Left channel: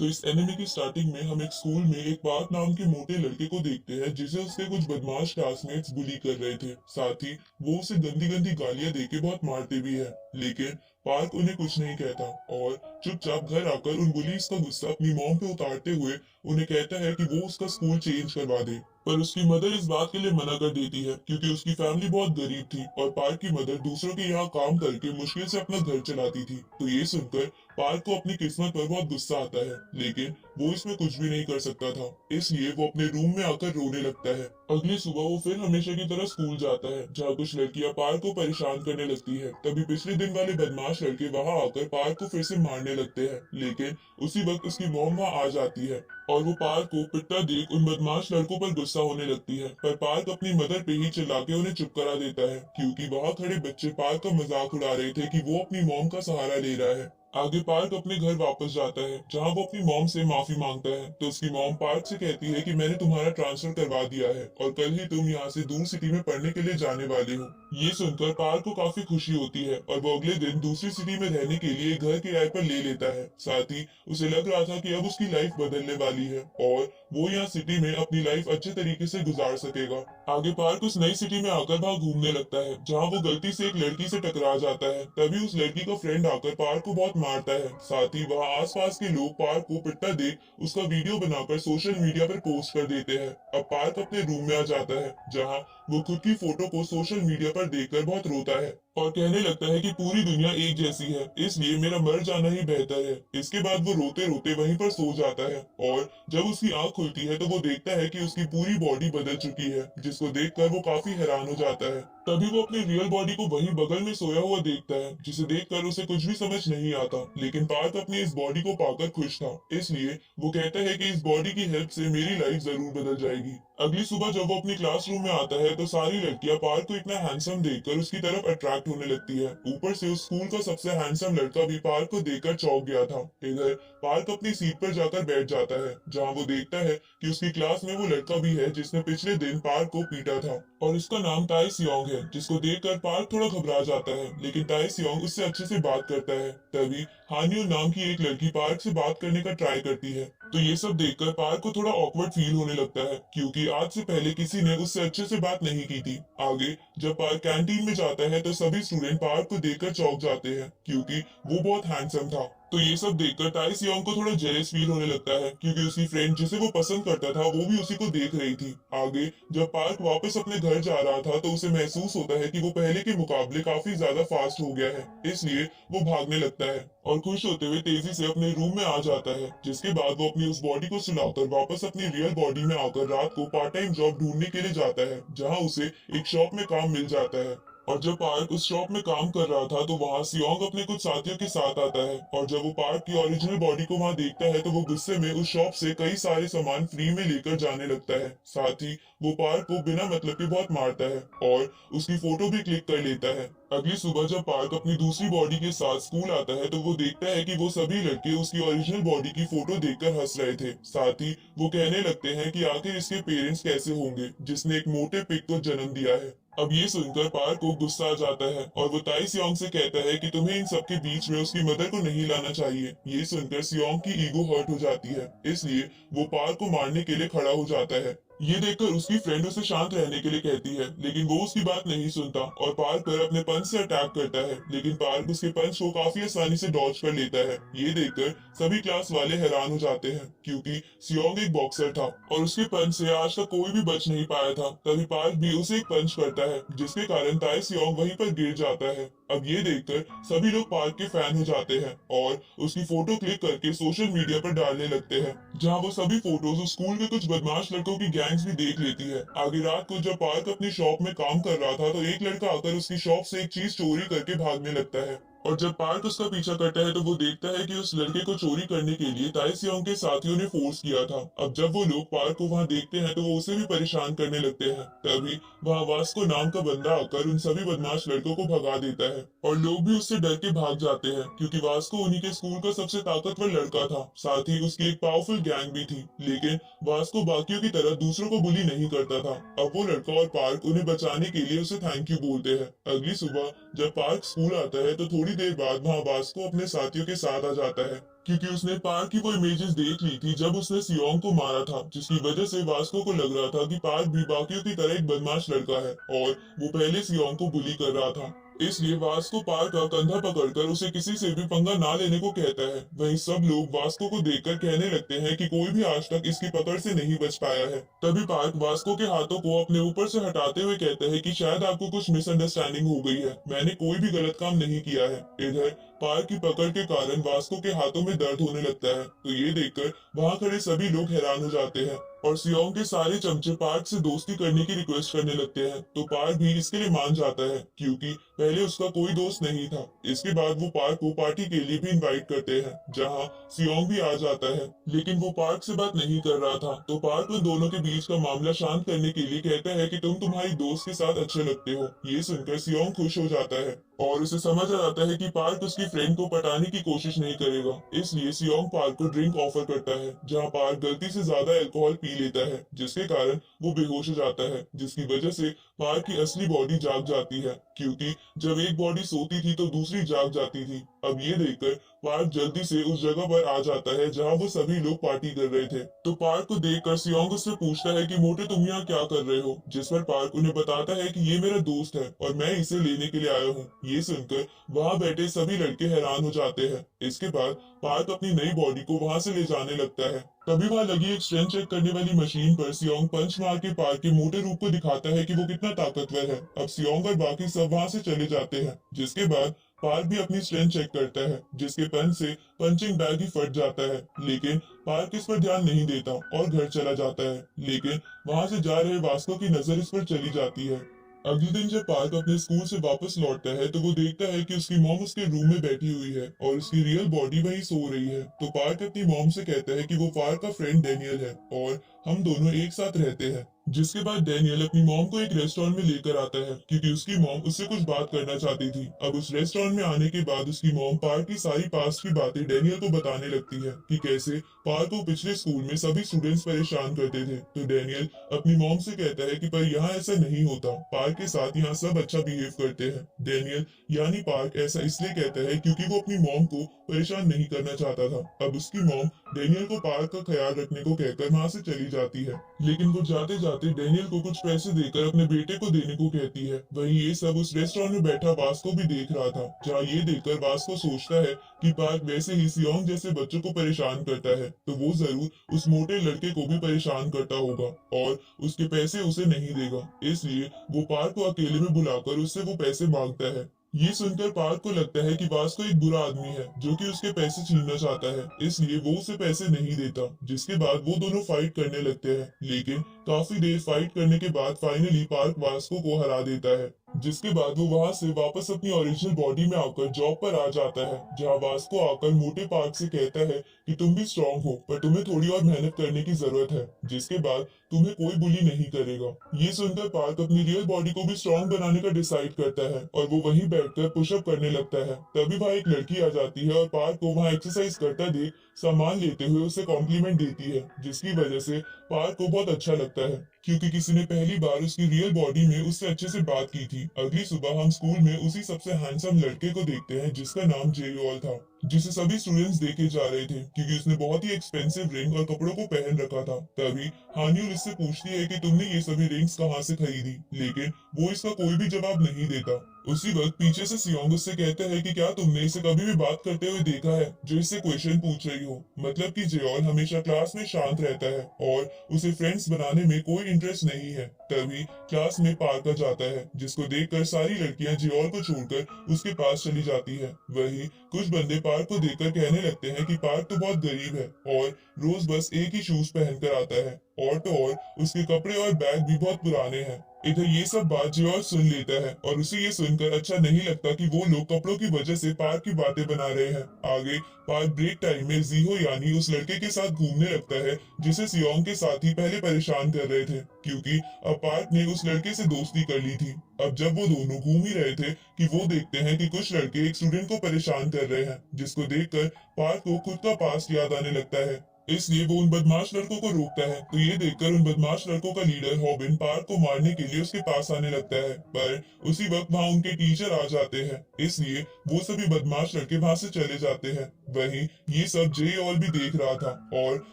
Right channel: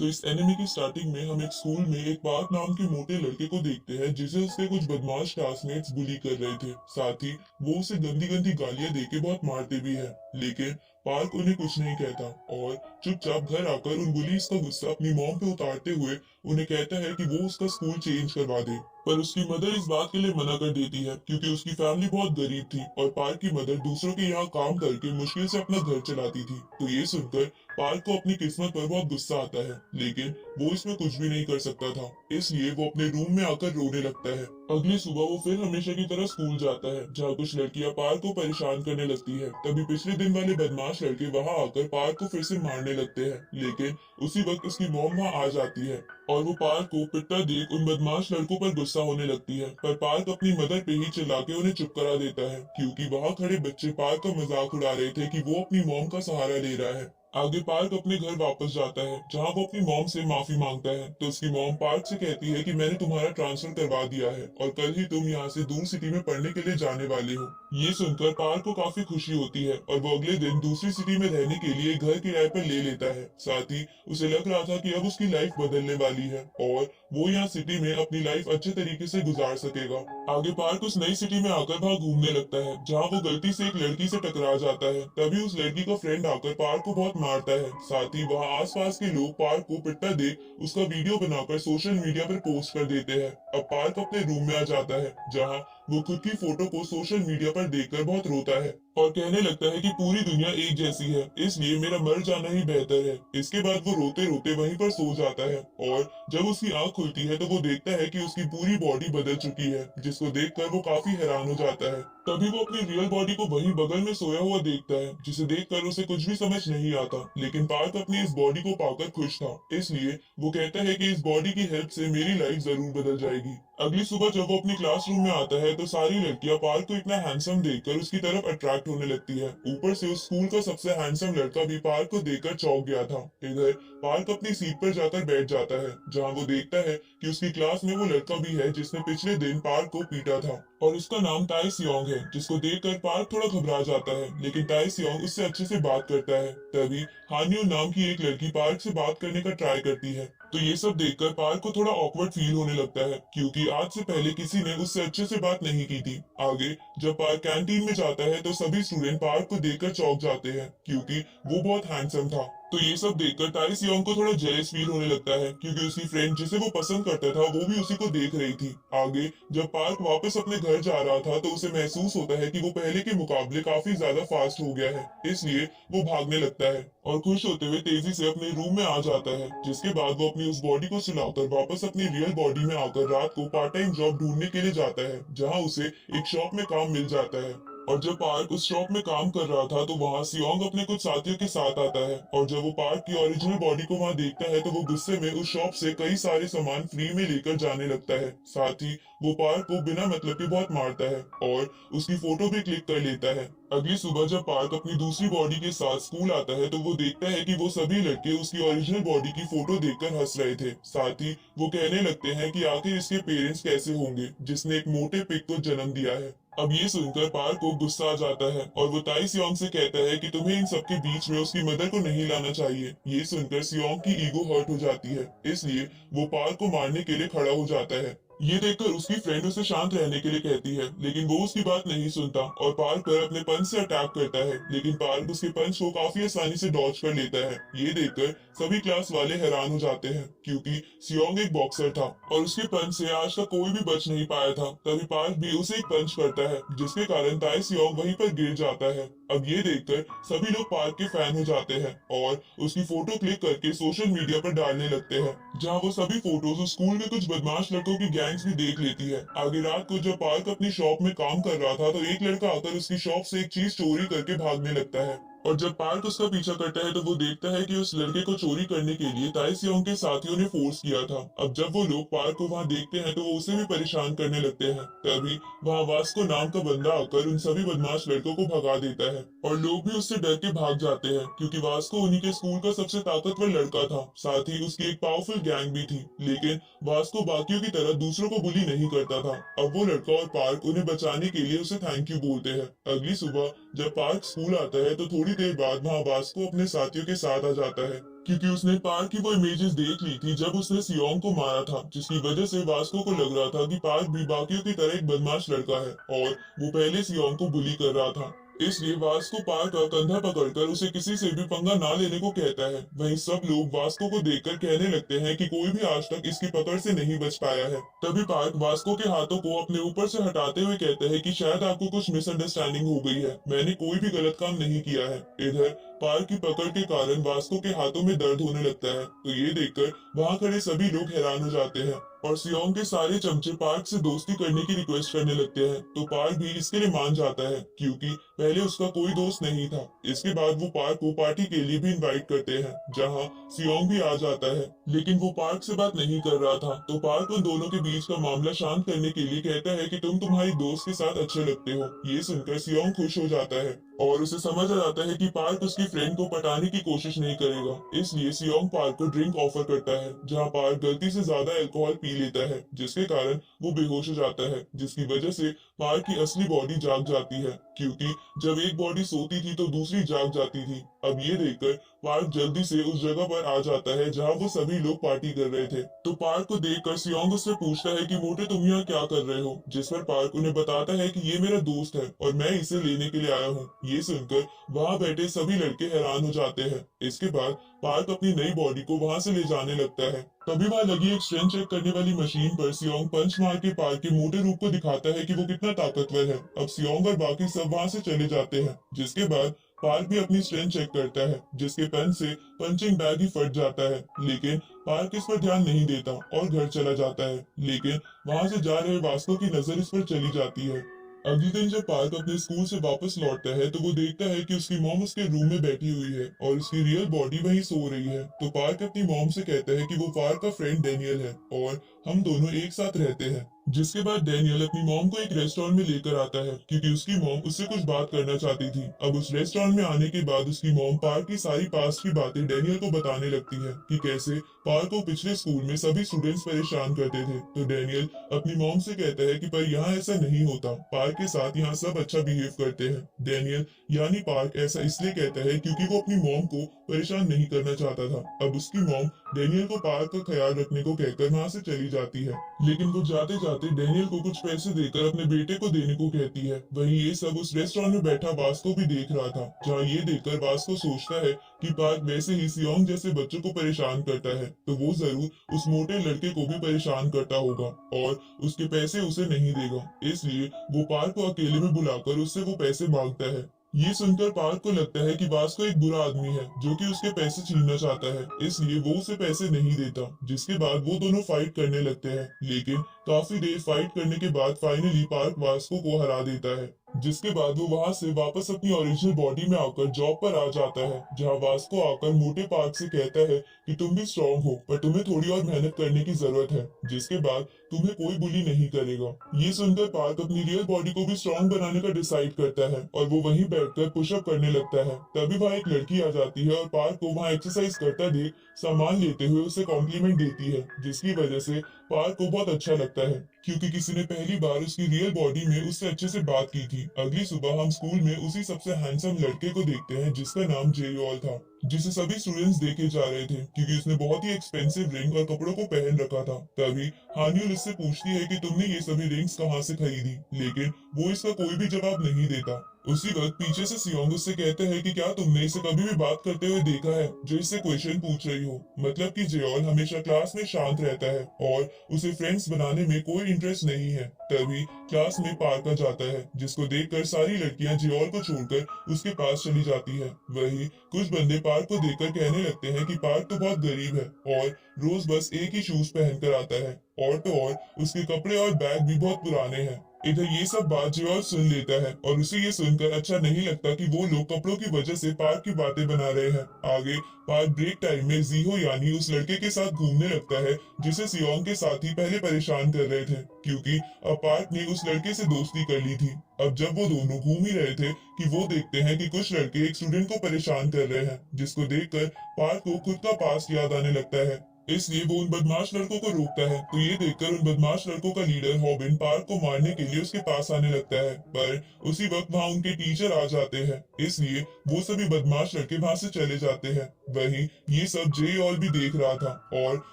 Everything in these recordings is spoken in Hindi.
तो इस एनिमे की स्टार्टिंग में हम एक स्कूल में एक पार्क नाम के मोटे लड़के को देखते हैं जिसे उसके कुछ बदमाश क्लासमेट्स बुली कर रहे थे। साथ ही वो उसे गंदी गंदी गालियां देके बहुत मारते भी है, लेकिन पार्क उन्हें कुछ नहीं कहता और चुपचाप घर आकर उन बुलीज का गुस्सा अपनी मॉम पे उतारते हुए उन्हें कहता है कि वो उसका स्कूल चेंज करवा दे। पर उसकी मदर इस बात के लिए मना कर देती है क्योंकि उसकी फैमिली बहुत गरीब थी और पार्क की मदर दूसरों के यहाँ काम करके मुश्किल से अपना घर चलाती थी। तो ये सुनकर पार्क को अपनी किस्मत पर बहुत गुस्सा आता है, लेकिन वो इसमें कुछ भी नहीं कर सकता था, इसलिए वो अपने रूम में आकर रोने लगता है। अगली सुबह वो फिर हमेशा की तरह स्कूल जाता है, जहाँ कुछ लड़कियां पार्क को परेशान करने लगती है। तभी पिछले दिन वाले बदमाश लड़के वहां आकर पार्क को फिर से मारने लगते हैं, लेकिन उसी वक्त उसकी मॉम वहां आ जाती है और वो पार्क को पिटता देख उन बदमाश लड़कों पर गुस्सा होने लगती है। पर पार्क अपनी मदर पे ही चिल्ला के उन्हें चुप करा देता है, क्योंकि वहां खड़े बच्चे पार्क का मजाक उड़ा रहे थे कि वो अपनी मॉम का सहारा ले रहा है। आगे पार्क अपने घर वापस जाता है, जहां वो अपनी मॉम से माफी मांगता है। तो उसकी मॉम पार्क से कहती है कि मैंने तुम्हारा ट्रांसफर करवा दिया है और कल ही तुम यहाँ से दूर सिटी में पढ़ने के लिए जाने वाले हो। ये सुनकर पार्क को काफी खुशी होती है और वो अगले दिन दूसरी सिटी में रहने के लिए घर किराए पर ले लेता है। साथ ही उसे लग रहा था कि अब उसकी लाइफ बदलने वाली है और वो यहाँ सिटी में अपनी लाइफ अच्छे तरीके से गुजार सकेगा। आगे पार्क उस नई सिटी में आकर वहाँ घूमने लगता है, जहाँ वो गलती से एक लड़की से टकरा जाता है। तभी उस लड़की का फ्रेंड आकर पार्क को बहुत मारता है। साथ ही वहाँ आसपास के लोग पार्क को पिटता देख उसका वीडियो बनाकर सोशल मीडिया पर पोस्ट कर देते हैं। अब पार्क अपने रूम में आ जाता है, जहाँ वो खुद की फोटो को सोशल मीडिया पर देखकर बहुत रोता है और कहने लगता है कि पूरी दुनिया एक जैसी है, इसलिए मेरा मर जाना ही बेहतर है। इसके बाद वो रोते रोते वहीं पर सो जाता है और जब उसकी आंख खुलती है तो वो देखता है कि उसकी पूरी बॉडी बदल चुकी है, जिसको देखकर वो काफी हैरान हो जाता है। तभी वो अपनी रियल बॉडी को वहीं बगल में सोया हुआ देखता है, जिसे देखकर उसे कुछ भी समझ नहीं आता। लेकिन पार्क अपनी इस बॉडी को पाकर खुश था, इसलिए वो कहता है कि इस बॉडी की हेल्प से मेरी लाइफ जरूर बदल जाएगी। अगली सुबह जब वो अपनी क्लासरूम में आता है तो सारी लड़कियां पार्क को इतना हैंडसम देखकर उसकी तरफ अट्रैक्ट होने लगती है। ऊपर से उस स्कूल का सबसे हैंडसम लड़का भी पार्क को देखकर चौंक गया था। इधर पार्क अपनी सीट पर जाकर बैठ जाता है, जहां वो देखता है कि उसकी क्लास में वो लड़का भी है जिसने पिछले दिन पार्क को पीटा था और उसका नाम ताई सियोंग है, जिसको देखकर पार्क थोड़ा घबरा जाता है। लेकिन ताई सियोंग उससे अच्छे से बात करता है। तभी हानियो नाम की एक लड़की पार्क से बात करने का ट्राई करती है। तो ये सब देखकर पार्क को थोड़ा ऑकवर्ड फील होने लगता है, क्योंकि आज से पहले किसी ने उससे अच्छे से बात नहीं की थी। आगे जब पार्क कैंटीन में जाता है तो सभी स्टूडेंट पार्क को देखकर चौंक जाते हैं, क्योंकि वो बहुत हैंडसम था। तो ये सब देखकर ताई सियोंग को थोड़ा जेलस फील होने लगता है, क्योंकि उसकी फ्रेंड जिसे वो पसंद करता था वो भी उसी को देख रही थी। आगे जब पार्क वापस अपने घर जा रहा था तो उसे महसूस होता है कि वो पहले के मुकाबले काफी ज्यादा फास्ट हो गया है, इसलिए वो भागने लगता है और खुश होते हुए तेजी से अपने रूम में आ जाता है। जिसके बाद वो अपनी उस बॉडी को सुलाकर वापस अपनी रियल बॉडी में आकर रात को पार्ट टाइम जॉब ढूंढने के लिए जाता है, जहाँ उसे एक शॉप में काम मिल जाता है। और जब पार्क उस शॉप में काम कर रहा था तो वहाँ सियोंग अपने कुछ साथियों के साथ आता है और जब वो पार्क की ओरिजिनल बॉडी को वहाँ देखता है तो वो गुस्से में उस शॉप से कई सारे सामान फ्री में लेकर जाने लगता है। साथ ही वो पार्क को बिना मतलब के बहुत मारता है और उसकी फोटो भी क्लिक कर लेता है। अगली सुबह जब पार्क अपनी दूसरी बॉडी के साथ स्कूल आता है तो वो देखता है कि वो सभी लड़के उसकी ओरिजिनल बॉडी की फोटो देखकर हंस रहे थे। साथ ही वो कहने लगते हैं कि आखिर इसके पेरेंट्स कैसे होंगे जिसने एक मोटे पिग को जन्म दिया है। अब ये सुनकर पार्क को गुस्सा आ जाता है और वो ताई सियोंग से कहता है कि तुम्हें इन सबके बीच में उसकी मदर को नहीं लाना चाहिए। ये सुनकर सियोंग की ईगो हर्ट हो जाती है, इसलिए वो पार्क को मारने के लिए खड़ा हो जाता है। ये देखकर उसकी फ्रेंड उसे शांत रहने के लिए कहती है, लेकिन वो उसकी बात नहीं सुनता और पार्क पर अपने पंच से अटैक करता है। लेकिन पार्क उसके पंच को काफी आसानी से डॉज कर लेता है। ये देखकर सभी क्लास वाले हैरान हो जाते हैं, क्योंकि सियोंग एक बॉक्सर था और उसके पंच से आज तक कोई भी बच नहीं पाया था। तभी पार्क भी उसे एक पंच करता है, जिसके कारण ताई सियोंग वहीं पर गिर जाता है। अब ये देखकर सभी लोग पार्क के फैन हो जाते हैं और उसकी फोटो क्लिक करके सोशल मीडिया पर डालने लगते हैं, जहां वो सभी फोटोज उस स्कूल के कुछ बदमाश लड़कों की गैंग्स भी देख लेती है। आगे रात को जब पार्क अपनी शॉप में काम कर रहा था तो एक लड़का आकर उसकी शॉप से एक चीज चोरी करके भागने लगता है और जब पार्क उसका पीछा करता है तो वो देखता है कि उस लड़के को चोरी करने के लिए ताई सियोंग के साथियों ने फोर्स किया था। अब जब वो लोग पार्क को वहां देखते हैं तो वो उसे भी परेशान करने लगते हैं। तभी वहां वास्को नाम का बंदा आकर उन सभी बदमाश लड़कों को भगा देता है और लोग भी उससे डर के भाग जाते हैं, क्योंकि वास्को उन्हीं के स्कूल का सबसे ताकतवर लड़का था। साथ ही उसकी एक पावरफुल गैंग भी थी, लेकिन वास्को बाकियों की तरह दूसरों को बुली नहीं करता था। अब वो लड़का और पार्क उन्हें बचाने के लिए उसे थैंक यू बोलते हैं। अगली सुबह जब पार्क स्कूल आता है तो थोड़ी देर बाद वहाँ वास्को अपने साथियों के साथ आ जाता है। क्योंकि उसने पार्क की वो इमेजेस देख ली थी जब उसने सियोंग को मारा था, जिसकी वजह से वास्को को लग रहा था कि पार्क भी बाकियों की तरह एक बदमाश लड़का है और वो पहले सियोंग को बुली कर रहा था। इसलिए वास्को पार्क का कंधा पकड़कर उसे किसी से भी पंगा ना लेने को कहता है। वहीं सब लोग वास्को को देखकर कहने लगते हैं कि कोई भी आज तक इसकी पकड़ से नहीं बच पाया है। तभी पार्क वास्को के हाथों को अपने ऊपर से हटाते हुए कहता है कि शायद आपको कुछ मिसअंडरस्टैंडिंग हो गई है, मैंने कोई भी गलत काम नहीं किया है। इधर पार्क की पकड़ के कारण वास्को के हाथों में दर्द होने लगता है, तो ये देखकर वहां खड़े सभी लोग हैरान हो जाते हैं और सियोंग के सारे चमचे पार्क से दोस्ती करने की रिक्वेस्ट करने लगते हैं। तो पार्क भी इसके लिए मान जाता है क्योंकि पहले उसका कोई दोस्त नहीं था। इसके बाद वो पार्क को पार्टी के लिए भी इनवाइट करते हैं, जहां सियोंग भी आ जाता है, लेकिन वो पार्क से बात नहीं कर रहा था। तो पार्क उन दोनों के बीच का मामला शांत करने के लिए कहता है कि तुम तुम्हारी दोस्त के साथ अच्छे लगते हो। ये सुनकर सियोंग खुश हो जाता है और उसे समझ आ जाता है कि पार्क उसकी फ्रेंड को पटाने की कोशिश नहीं करेगा। इसलिए सियोंग पार्क को ड्रिंक ऑफर करता है, जहां पार्क गलती से ज्यादा अल्कोहल पी लेता है, जिसके कारण वो बेहोश हो जाता है, जिसकी वजह से पार्क की असली बॉडी जाग जाती है, क्योंकि जब एक बॉडी सोती थी तो दूसरी जाग जाती थी। अब ये देखकर पार्क जल्दी से उस जगह पर आ जाता है जहां वो सभी लोग पार्टी कर रहे थे। तो पार्क को देखकर सियोंग उससे पूछता है कि मोटे तुम यहाँ क्या कर रहे हो, जिस पर पार्क उन्हें बताता है कि ये मेरा दोस्त है और मैं इसे लेने के लिए आया हूँ। ये सुनकर वहां बैठे सभी लड़के हैरान हो जाते हैं। इसके बाद पार्क अपनी नई बॉडी को वहां से ले जाने लगता है। तभी वहां लगी एक स्ट्रेंथ चेक करने वाली मशीन पर सियोंग पंच मार के पार्क के मोटे रूप को दिखाता है कि वो कितना ताकतवर है। अब सियोंग और बाकी सब वहां से चले जाते हैं, जिसके बाद पार्क भी अपनी स्ट्रेंथ चेक करता है, जिसके पंच से पंचिंग बैग ही फट जाता है, लेकिन पार्क इस पर ध्यान नहीं देता और घर चला जाता है। लेकिन वहां से जा रहे वास्को की नजर इस पर चली जाती है। अगले दिन जब पार्क अपने स्कूल से वापस लौटता है तो वो देखता है कि उसकी मॉम उसके रूम में बैठी हुई है और उसकी रियल बॉडी वहीं सो रही है। तो पार्क अपनी मॉम से कहता है कि वो पार्क का फ्रेंड डेनियल है और हम दोनों एक साथ रहते हैं। जिसके बाद डेनियल अपनी मॉम को एक रेस्टोरेंट में लेकर आता है, क्योंकि उसकी मॉम उससे कुछ बात करना चाहती थी। अब उस रेस्टोरेंट में आने के बाद उसकी मॉम पार्क की सारी पास्ट की बातें डेनियल को बताने लगती है कि कैसे पार्क को पिछले स्कूल में सभी स्टूडेंट्स परेशान करते थे। तो डेनियल अपनी मॉम से कहता है कि पर यहाँ ऐसा नहीं होता, पार्क के साथ यहाँ सब अच्छा बिहेव करते हैं। डेनियल यानी पार्क ऐसा इसलिए कहता है क्योंकि वो अपनी मॉम को परेशान नहीं करना चाहता था। अब उसकी मॉम डेनियल को पार्क का ख्याल रखने को कहकर वहां से चली जाती है, लेकिन वो जाते जाते डेनियल को कुछ पैसे देकर अपने बेटे को देने को कहती है। वहीं ये सब उस रेस्टोरेंट में बैठा वास्को भी देख रहा था, जहाँ ये देखकर वास्को सोचता है कि पार्क वैसे ही सियोंग जैसे बच्चों को परेशान करता है, तो वो जरूर उस मोटे लड़के को भी परेशान करता होगा और उसके पैसे उसे नहीं देगा। इसलिए वो पार्क को अकेले में बुलाकर उससे वो पैसे मांगता है। ये सुनकर पार्क को लगता है कि वास्को एक बुरा आदमी है जो कि उसके पैसे छीनना चाहता है, इसलिए वो उसे पैसे नहीं देता। जिसके बाद वो दोनों फाइट करने लगते हैं, लेकिन काफी देर फाइट करने के बाद फाइनली पार्क वास्को को हरा देता है। जिसके बाद वो वहां से वापस अपनी ओरिजिनल बॉडी में आकर जॉब पर आ जाता है, जहां वास्को आकर मोटे पार्क से कहता है कि तुम भी स्ट्रांग हो, पर तुम्हें थोड़ी और मेहनत करने की जरूरत है, जिसके बाद तुम्हें कोई बुली नहीं करेगा। ये सुनकर पार्क अपनी रियल बॉडी को भी स्ट्रांग बनाने का डिसाइड करता है और वो वहीं बैठकर पुशअप करने लगता है। तभी वहां एक लड़की आ जाती है और पार्क को वहां एक्सरसाइज करता देख सामान लेते हुए उसे कॉम्प्लीमेंट देती है, जिसकी वजह से पार्क को बहुत अच्छा लगता है, क्योंकि किसी ने पहली बार उसकी रियल बॉडी में उससे अच्छे से बात की थी। अगली सुबह हम स्कूल में उसी सबसे हैंडसम लड़के को देखते हैं जिसका नाम जेयोल था, जिसे सभी स्टूडेंट्स देखे जा रहे थे क्योंकि उसने बहुत ही एक्सपेंसिव रिंग और कपड़ों को पहन रखा था। तभी हान्यूल इससे पूछती है कि तुमने ये सभी रिंग्स कहाँ से खरीदी, लेकिन वो इसका कोई भी जवाब नहीं देता। उसी वक्त पीछे से सियोंग उससे कहते हैं कि क्या तुमने इसे कभी भी बात करते हुए देखा है, जो इससे क्वेश्चन पूछ रही हो। मतलब कि जेयोल हमेशा क्लास में शांत रहता है और उसे फ्रेंड्स बनाने में कोई इंटरेस्ट नहीं है। तभी क्लास में पार्क आ जाता है, जिसको देखकर सारी लड़कियां जेयोल को छोड़कर उसके पास चली जाती है। वही कुछ बंदे पार्क को देखकर कहने लगते हैं कि पार्क तो बहुत गरीब है और रोज बस एक ही शूज पहनकर आता है, और तो और उसके कपड़े और बैग भी बहुत पुराने हैं। इधर ये सब बात जेयोल सुन लेता है और उसे ये सुनकर अच्छा नहीं लगता कि वो लोग कपड़ों की वजह से पार्क की बातें बना रहे हैं। आगे पार्क ब्रेक टाइम में जीहो यानी उस लड़के के साथ घूमने लगता है जिसे सियोंग के साथ ही पहले परेशान कर रहे थे, क्योंकि अब पार्क ने उस लड़के से दोस्ती कर ली थी। अब जब वो दोनों घूम ही रहे थे कि वो देखते हैं कि कुछ लड़के एक स्टूडेंट को परेशान कर रहे हैं, जिसको देखकर पार्क को खुद का पास्ट याद आने लगता है। इसलिए वो उन बदमाश लड़कों को रोकता है। तो ये देखकर उन बदमाश लड़कों का लीडर हॉबिन पार्क को मारने के लिए उसके पास आने लगता है, पर उसी वक्त वहाँ उनके टीचर आ जाते हैं, इसलिए वो सभी बदमाश लड़के वहाँ से चले जाते हैं। वहीं ये सब जे ऑल भी देख रहा था और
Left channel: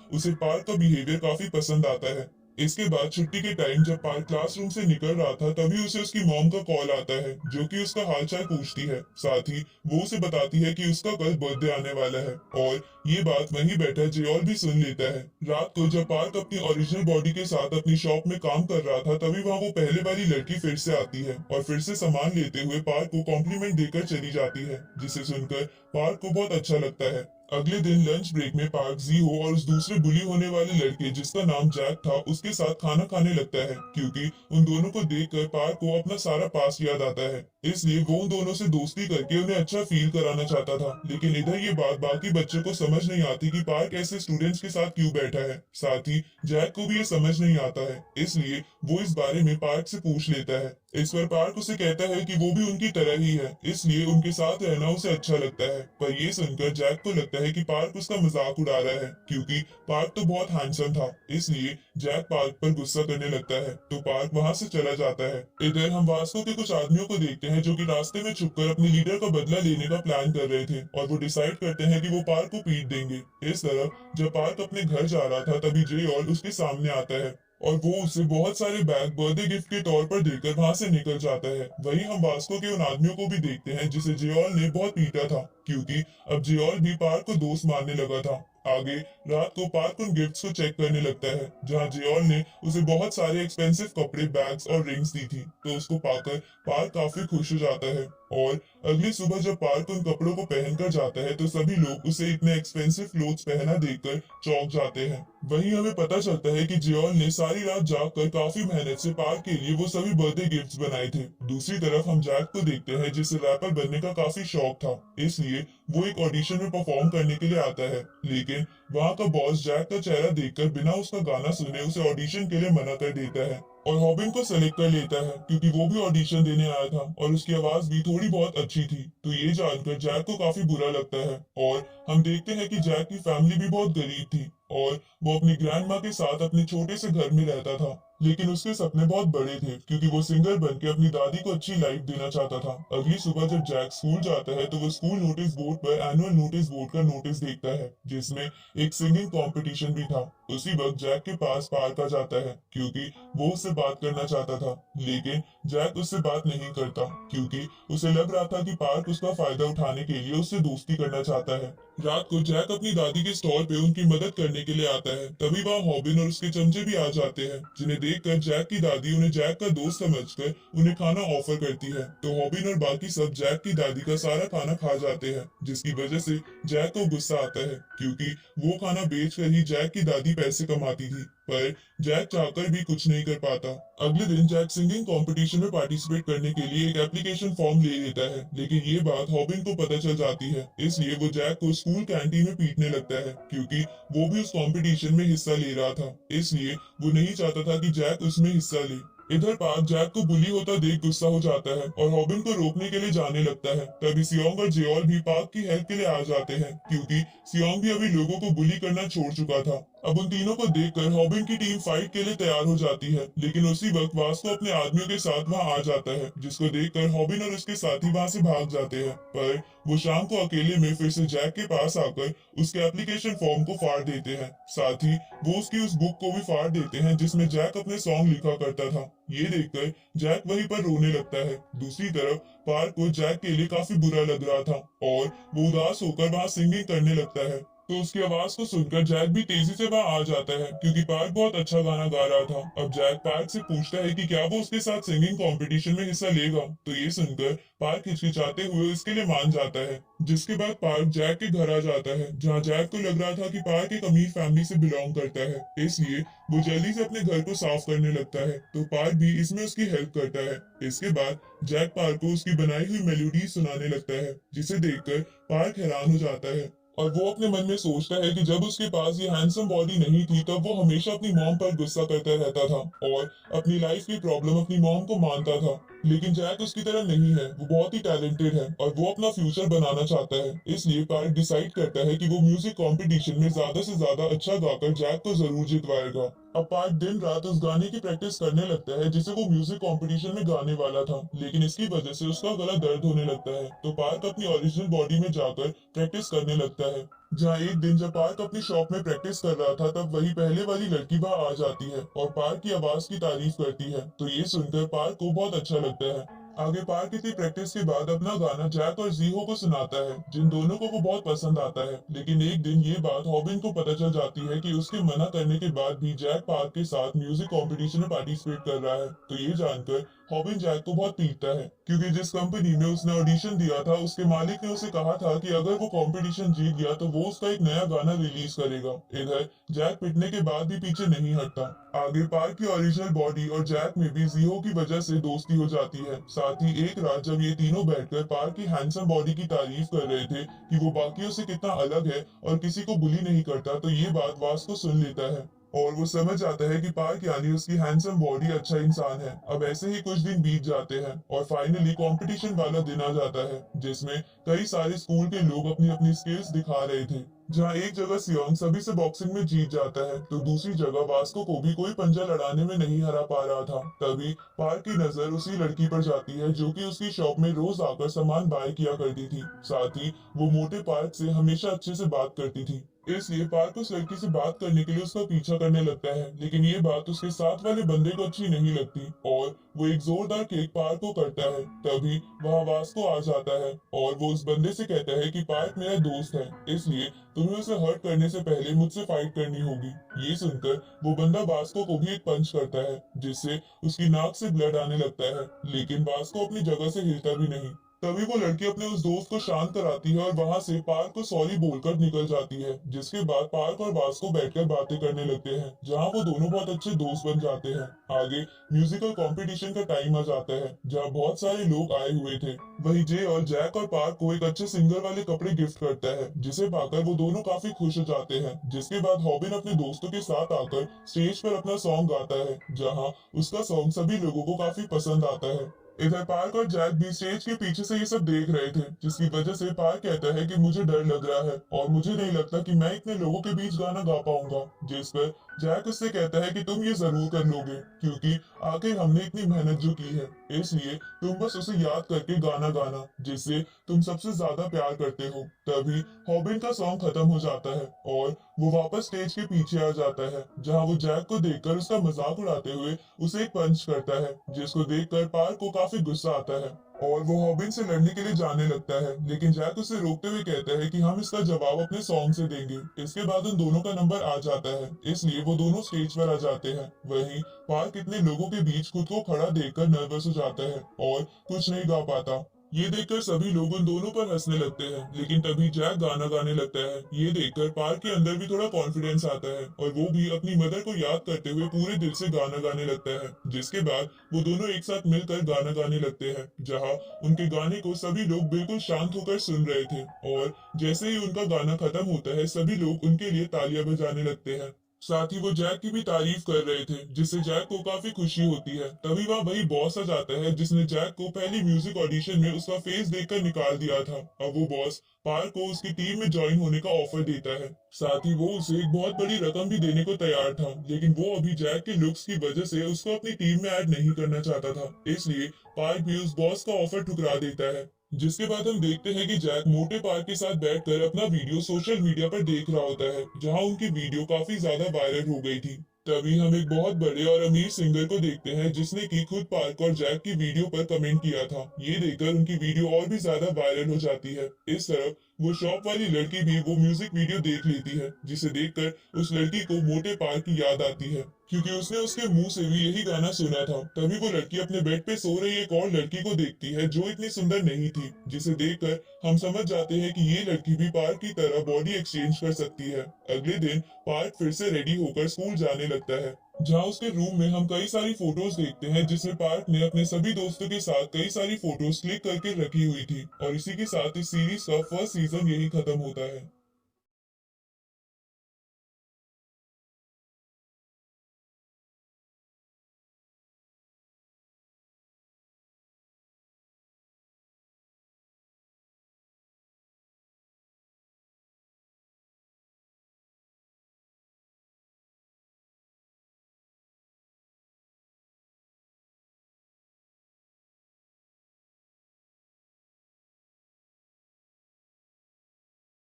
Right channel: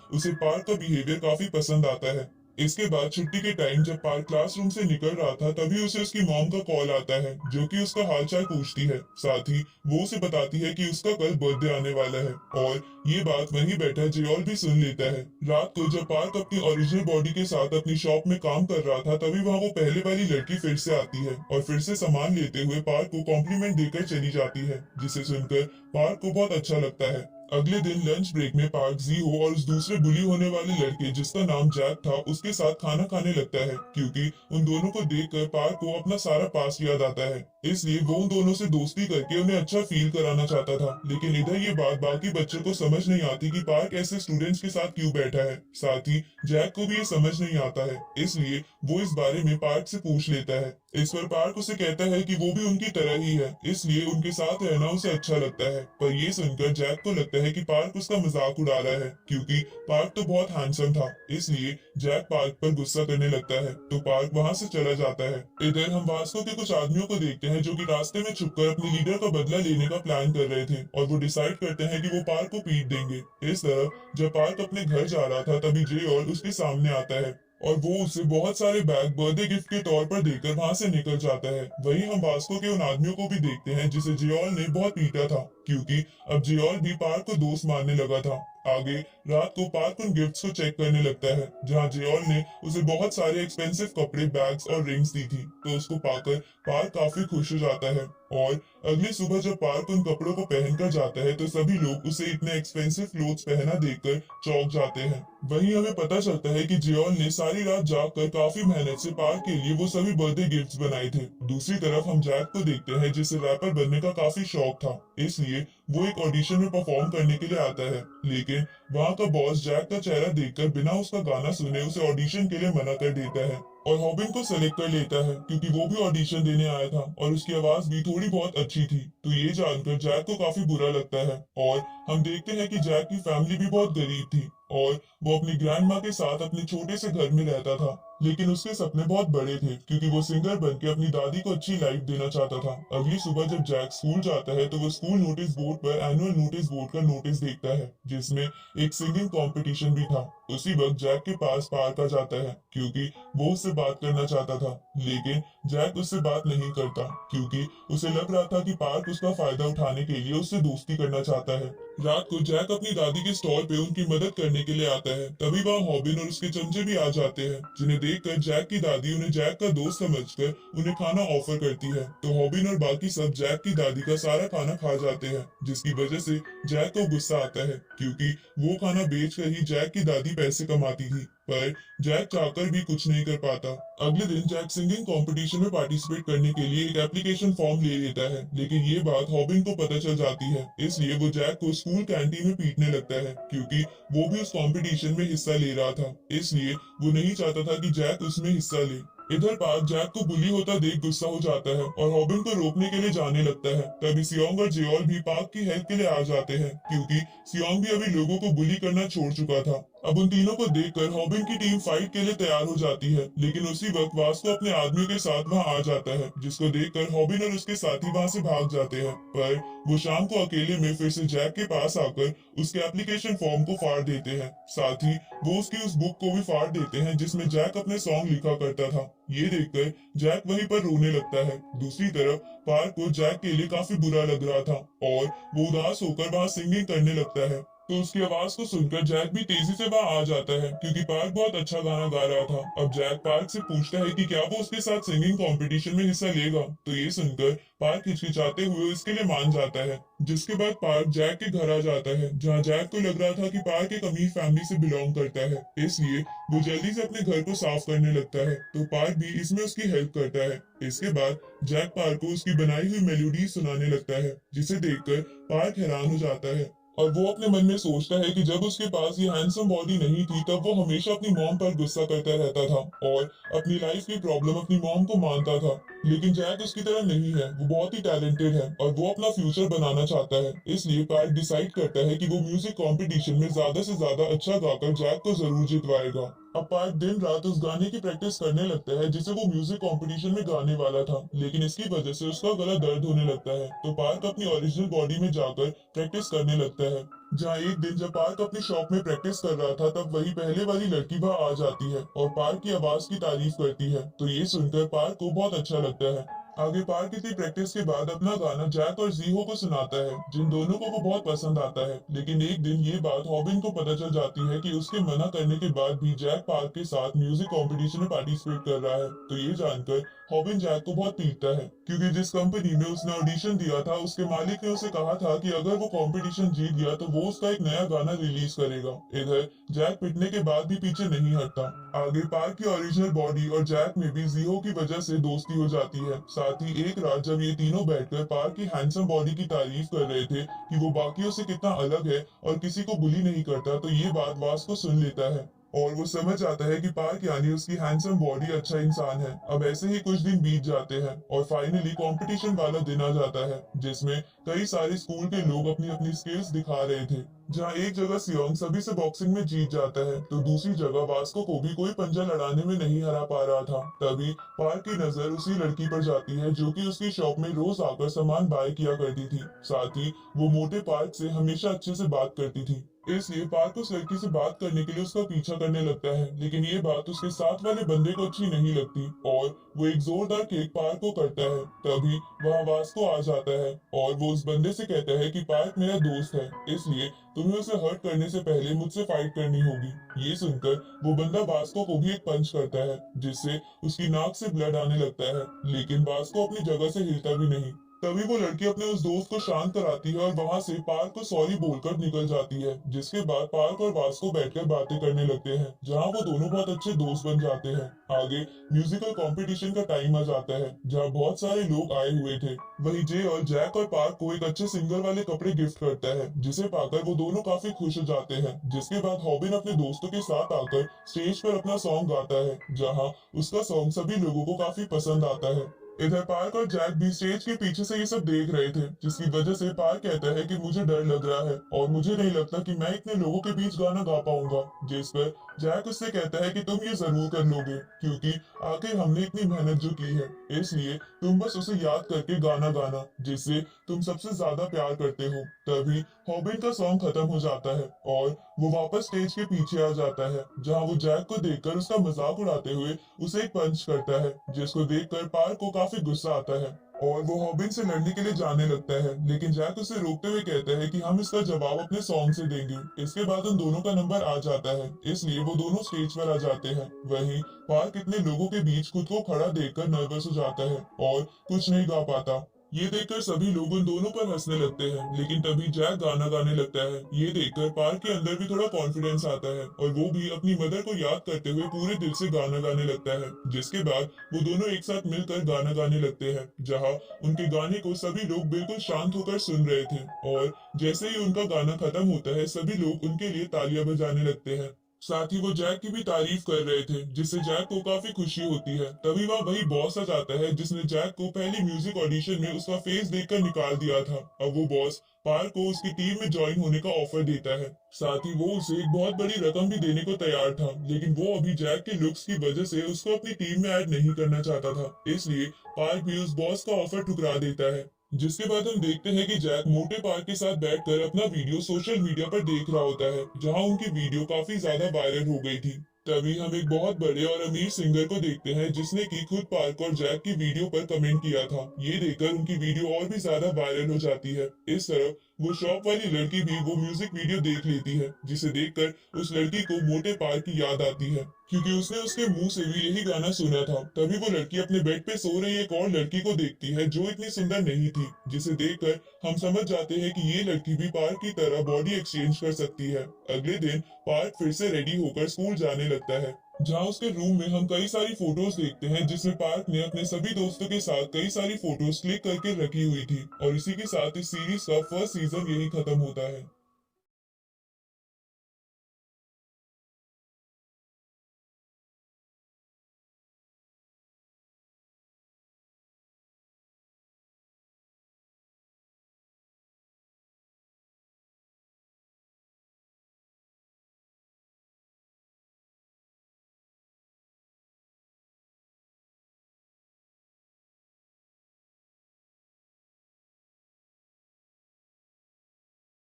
उसे पार्क का बिहेवियर काफी पसंद आता है। इसके बाद छुट्टी के टाइम जब पार्क क्लासरूम से निकल रहा था, तभी उसे उसकी मॉम का कॉल आता है, जो कि उसका हालचाल पूछती है। साथ ही वो उसे बताती है कि उसका कल बर्थडे आने वाला है, और ये बात वहीं बैठा जेओल भी सुन लेता है। रात को जब पार्क अपनी ओरिजिनल बॉडी के साथ अपनी शॉप में काम कर रहा था, तभी वहाँ वो पहले वाली लड़की फिर से आती है और फिर से सामान लेते हुए पार्क को कॉम्प्लीमेंट देकर चली जाती है, जिसे सुनकर पार्क को बहुत अच्छा लगता है। अगले दिन लंच ब्रेक में पार्क जीहो और उस दूसरे बुली होने वाले लड़के जिसका नाम जैक था उसके साथ खाना खाने लगता है, क्योंकि उन दोनों को देखकर पार्क को अपना सारा पास्ट याद आता है। इसलिए वो उन दोनों से दोस्ती करके उन्हें अच्छा फील कराना चाहता था। लेकिन इधर ये बात बाकी बच्चों को समझ नहीं आती कि पार्क ऐसे स्टूडेंट्स के साथ क्यों बैठा है। साथ ही जैक को भी ये समझ नहीं आता है, इसलिए वो इस बारे में पार्क से पूछ लेता है। इस पर पार्क उसे कहता है कि वो भी उनकी तरह ही है, इसलिए उनके साथ रहना उसे अच्छा लगता है। पर ये सुनकर जैक को लगता है कि पार्क उसका मजाक उड़ा रहा है, क्योंकि पार्क तो बहुत हैंडसम था। इसलिए जैक पार्क पर गुस्सा करने लगता है, तो पार्क वहां से चला जाता है। इधर हम वास्को के कुछ आदमियों को देखते हैं जो कि रास्ते में छुपकर अपने लीडर का बदला लेने का प्लान कर रहे थे, और वो डिसाइड करते हैं कि वो पार्क को पीट देंगे। इस तरह जब पार्क अपने घर जा रहा था, तभी जे ऑल उसके सामने आता है और वो उसे बहुत सारे बैग बर्थडे गिफ्ट के तौर पर देकर वहां से निकल जाता है। वहीं हम वास्को के उन आदमियों को भी देखते हैं जिसे जियोल ने बहुत पीटा था, क्योंकि अब जियोल भी पार्क को दोस्त मानने लगा था। आगे रात को पार्क उन गिफ्ट्स को चेक करने लगता है, जहां जियोल ने उसे बहुत सारे एक्सपेंसिव कपड़े, बैग्स और रिंग्स दी थी। तो उसको पाकर पार्क काफी खुश हो जाता है, और अगली सुबह जब पार्क उन कपड़ों को पहनकर जाता है, तो सभी लोग उसे इतने एक्सपेंसिव क्लोथ्स पहना देखकर चौंक जाते हैं। वहीं हमें पता चलता है कि जियोल ने सारी रात जागकर काफी मेहनत से पार्क के लिए वो सभी बर्थडे गिफ्ट्स बनाए थे। दूसरी तरफ हम जैक को देखते हैं, जिसे रैपर बनने का काफी शौक था, इसलिए वो एक ऑडिशन में परफॉर्म करने के लिए आता है। लेकिन वहाँ का बॉस जैक का चेहरा देखकर बिना उसका गाना सुने उसे ऑडिशन के लिए मना कर देता है, और हॉबिन को सेलेक्ट कर लेता है, क्योंकि वो भी ऑडिशन देने आया था और उसकी आवाज भी थोड़ी बहुत अच्छी थी। तो ये जानकर जैक को काफी बुरा लगता है, और हम देखते हैं कि जैक की फैमिली भी बहुत गरीब थी और वो अपनी ग्रैंड माँ के साथ अपने छोटे से घर में रहता था। लेकिन उसके सपने बहुत बड़े थे, क्योंकि वो सिंगर बन के अपनी दादी को अच्छी लाइफ देना चाहता था। अगली सुबह जब जैक स्कूल जाता है, तो वो स्कूल नोटिस बोर्ड पर एनुअल नोटिस बोर्ड का नोटिस देखता है, जिसमें एक सिंगिंग कंपटीशन भी था। उसी वक्त जैक के पास पार्क आ जाता है, क्योंकि वो उससे बात करना चाहता था। लेकिन जैक उससे बात नहीं करता, क्योंकि उसे लग रहा था कि पार्क उसका फायदा उठाने के लिए उससे दोस्ती करना चाहता है। रात को जैक अपनी दादी के स्टॉल पे उनकी मदद करने के लिए आता है। तभी वहाँ हॉबिन और उसके चमचे भी आ जाते हैं, जिन्हें देखकर जैक की दादी उन्हें जैक का दोस्त समझकर उन्हें खाना ऑफर करती है। तो हॉबिन और बाकी सब जैक की दादी का सारा खाना खा जाते हैं, जिसकी वजह से जैक को गुस्सा आता है, क्योंकि वो खाना बेचकर ही जैक की दादी पैसे कमाती थी। पर जैक चाहकर भी कुछ नहीं कर पाता। अगले दिन जैक सिंगिंग कंपटीशन में पार्टिसिपेट करने के लिए एक एप्लीकेशन फॉर्म ले लेता है, लेकिन ये बात हॉबिन को पता चल जाती है। इसलिए वो जैक को स्कूल कैंटीन में पीटने लगता है, क्योंकि वो भी उस कंपटीशन में हिस्सा ले रहा था। इसलिए वो नहीं चाहता था कि जैक उसमें हिस्सा ले। इधर पार्क जैक को बुली होता देख गुस्सा हो जाता है और हॉबिन को रोकने के लिए जाने लगता है। तभी सियोंग और जेओल भी पार्क की हेल्प के लिए आ जाते हैं, क्योंकि सियोंग भी अभी लोगों को बुली करना छोड़ चुका था। अब उन तीनों को देखकर हॉबिन की टीम फाइट के लिए तैयार हो जाती है, लेकिन उसी वक्त वास्को अपने आदमियों के साथ वहां आ जाता है, जिसको देखकर हॉबिन और उसके साथी वहां से भाग जाते हैं। पर वो शाम को अकेले में फिर से जैक के पास आकर उसके एप्लीकेशन फॉर्म को फाड़ देते हैं। साथ ही वो उसकी उस बुक को भी फाड़ देते हैं जिसमें जैक अपने सॉन्ग लिखा करता था। ये देखकर जैक वहीं पर रोने लगता है। दूसरी तरफ पार्क को जैक के लिए काफी बुरा लग रहा था और वो उदास होकर वहां सिंगिंग करने लगता है। तो उसकी आवाज को सुनकर जैक भी तेजी से वहां आ जाता है, क्योंकि पार्क बहुत अच्छा गाना गा रहा था। अब जैक पार्क से पूछता है कि क्या वो उसके साथ सिंगिंग कंपटीशन में हिस्सा लेगा। तो ये सुनकर पार्क हिचकिचाते हुए इसके लिए मान जाता है। जिसके बाद पार्क जैक के घर आ जाता है, जहाँ जैक को लग रहा था कि पार्क एक अमीर फैमिली से बिलोंग करता है, इसलिए वो जल्दी से अपने घर को साफ करने लगता है। तो पार्क भी इसमें उसकी हेल्प करता है। इसके बाद जैक पार्क को उसकी बनाई हुई मेलोडी सुनाने लगता है, जिसे देखकर पार्क हैरान हो जाता है और वो अपने मन में सोचता है कि जब उसके पास ये हैंडसम बॉडी नहीं थी, तब वो हमेशा अपनी मॉम पर गुस्सा करता रहता था और अपनी लाइफ की प्रॉब्लम अपनी मॉम को मानता था। लेकिन जैक उसकी तरह नहीं है, वो बहुत ही टैलेंटेड है और वो अपना फ्यूचर बनाना चाहता है। इसलिए पार्क डिसाइड करता है कि वो म्यूजिक कंपटीशन में ज्यादा से ज्यादा अच्छा गाकर जैक को जरूर जितवाएगा। अब पार्क दिन रात उस गाने की प्रैक्टिस करने लगता है जिसे वो म्यूजिक कंपटीशन में गाने वाला था, लेकिन इसकी वजह से उसका गला दर्द होने लगता है। तो पार्क अपनी ओरिजिनल बॉडी में जाकर प्रैक्टिस करने लगता है। जहाँ एक दिन जब पार्क अपनी शॉप में प्रैक्टिस कर रहा था, तब वही पहले वाली लड़की वहां आ जाती है और पार्क की आवाज की तारीफ करती है। तो ये सुनकर पार्क को बहुत अच्छा लगता है। आगे पार्क इतनी प्रैक्टिस के बाद अपना गाना जैक और जीहो को सुनाता है, जिन दोनों को वो बहुत पसंद आता है। लेकिन एक दिन ये बात हॉबिन को पता चल जाती है कि उसके मना करने के बाद भी जैक पार्क के साथ म्यूजिक कंपटीशन में पार्टिसिपेट कर रहा है। तो ये जानकर हॉबिन जैक को बहुत पीटता है, क्योंकि जिस कंपनी में उसने ऑडिशन दिया था उसके मालिक ने उसे कहा था कि अगर वो कंपटीशन जीत गया तो वो उसका एक नया गाना रिलीज करेगा। इधर जैक पिटने के बाद भी पीछे नहीं हटता। आगे पार्क की ओरिजिनल बॉडी और जैक में भी जीहो की वजह से दोस्ती हो जाती है। साथ ही एक रात जब ये तीनों बैठकर पार्क की हैंडसम बॉडी की तारीफ कर रहे थे कि वो बाकियों से कितना अलग है और किसी को बुली नहीं करता, तो ये बात वास्को सुन लेता है और वो समझ जाता है कि पार्क यानी उसकी हैंडसम बॉडी अच्छा इंसान है। अब ऐसे ही कुछ दिन बीत जाते हैं और फाइनली कंपटीशन वाला दिन आ जाता है, जिसमें कई सारे स्कूल के लोग अपनी अपनी स्किल्स दिखा रहे थे। जहाँ एक जगह सियोंग सभी से बॉक्सिंग में जीत जाता है, तो दूसरी जगह वास्को को भी कोई पंजा लड़ाने में नहीं हरा पा रहा था। तभी पार्क की नजर उसी लड़की पर जाती है जो कि उसकी शॉप में रोज आकर सामान बाय किया करती थी। साथ ही वो मोटे पार्क से हमेशा अच्छे से बात करती थी। इसलिए पार्क उस लड़की से बात करने के लिए उसका पीछा करने लगता है, लेकिन ये बात उसके साथ वाले बंदे को अच्छी नहीं लगती और वो एक जोरदार किक पार्क को करता है। तभी वहाँ वास्को आ जाता है और वो उस बंदे से कहता है कि पार्क मेरा दोस्त है, इसलिए तुम्हें उसे हर्ट करने से पहले मुझसे फाइट करनी होगी। ये सुनकर वो बंदा वास्को को भी एक पंच करता है, जिससे उसकी नाक से ब्लड आने लगता है, लेकिन वास्को अपनी जगह से हिलता भी नहीं। तभी वो लड़की अपने उस दोस्त को शांत कराती है और वहां से पार्क को सॉरी बोलकर निकल जाती है। जिसके बाद पार्क और वास्को बैठकर बातें करने लगते हैं, जहां वो दोनों बहुत अच्छे दोस्त बन जाते हैं। आगे म्यूजिकल कंपटीशन का टाइम आ जाता है, जहां बहुत सारे लोग आए हुए थे। वही जे और जैक और पार्क को एक अच्छे सिंगर वाले कपड़े गिफ्ट करता है, जिसे पाकर वो दोनों काफी खुश हो जाते हैं। जिसके बाद हॉबिन अपने दोस्तों के साथ आकर स्टेज पर अपना सॉन्ग गाता है, जहाँ उसका सॉन्ग सभी लोगों को काफी पसंद आता है। इधर पार्क और जैक भी स्टेज के पीछे से ये सब देख रहे थे, जिसकी वजह से पार्क कहता है कि मुझे डर लग रहा है और मुझे नहीं लगता कि मैं इतने लोगों के बीच गाना गा पाऊंगा। जिस पर जैक उससे कहता है कि तुम ये जरूर कर लोगे, क्योंकि आखिर हमने इतनी मेहनत जो की है, इसलिए तुम बस उसे याद करके गाना गाना जिससे तुम सबसे ज्यादा प्यार करते हो। तभी हॉबिन का सॉन्ग खत्म हो जाता है और वो वापस स्टेज के पीछे आ जाता है, जहाँ वो जैक को देखकर उसका मजाक उड़ाते हुए उसे एक पंच करता है, जिसको देखकर पार्क को काफी गुस्सा आता है और वो हॉबिन से लड़ने के लिए जाने लगता है। लेकिन जैक उसे रोकते हुए कहता है कि हम इसका जवाब अपने सॉन्ग से देंगे। इसके बाद उन दोनों का नंबर आ जाता है, इसलिए वो दोनों स्टेज पर आ जाते हैं। वहीं पार्क इतने लोगों के बीच खुद को खड़ा देखकर नर्वस हो जाता है और कुछ नहीं गा पाता। ये देखकर सभी लोग उन दोनों पर हंसने लगते हैं, लेकिन तभी जैक गाना गाने लगता है। ये देखकर पार्क के अंदर भी थोड़ा कॉन्फिडेंस आता है और वो भी अपनी मदर को याद करते हुए पूरे दिल से गाना गाने लगता है। जिसके बाद वो दोनों एक साथ मिलकर गाना गाने लगते हैं, जहाँ उनके गाने को सभी लोग बिल्कुल शांत होकर सुन रहे थे और जैसे ही उनका गाना खत्म होता है, सभी लोग उनके लिए तालियां बजाने लगते हैं। साथ ही वो जैक की भी तारीफ कर रहे थे, जिससे जैक को काफी खुशी होती है। तभी वहाँ वही बॉस आ जाता है, जिसने जैक को पहली म्यूजिक ऑडिशन में उसका फेस देखकर निकाल दिया था। अब वो बॉस पार्क को उसकी टीम में ज्वाइन होने का ऑफर देता है। साथ ही वो उसे एक बहुत बड़ी रकम भी देने को तैयार था, लेकिन वो अभी जैक के लुक्स की वजह से उसको अपनी टीम में ऐड नहीं करना चाहता था। इसलिए पार्क भी उस बॉस का ऑफर ठुकरा देता है। जिसके बाद हम देखते हैं कि जैक मोटे पार्क के साथ बैठकर अपना वीडियो सोशल मीडिया पर देख रहा होता है, जहां उनकी वीडियो काफी ज्यादा वायरल हो गई थी। तभी हम एक बहुत बड़े और अमीर सिंगर को देखते हैं, जिसने की खुद पार्क और जैक की वीडियो पर कमेंट किया था। ये देखकर उनकी वीडियो और भी ज्यादा वायरल हो जाती है। इस तरफ वो शॉप वाली लड़की भी वो म्यूजिक वीडियो देख लेती है, जिसे देखकर उस लड़की को मोटे पार्क की याद आती है, क्योंकि उसने उसके मुंह से भी यही गाना सुना था। तभी वो लड़की अपने बेड पे सो रही एक और लड़की को देखती है, जो इतनी सुंदर नहीं थी, जिसे देखकर हम समझ जाते हैं कि ये लड़की भी पार्क की तरह बॉडी एक्सचेंज कर सकती है। अगले दिन पार्क फिर से रेडी होकर स्कूल जाने लगता है, जहाँ उसके रूम में हम कई सारी फोटोज देखते हैं, जिसमें पार्क ने अपने सभी दोस्तों के साथ कई सारी फोटोज क्लिक करके रखी हुई थी। और इसी के साथ इस सीरीज का फर्स्ट सीजन यही खत्म होता है।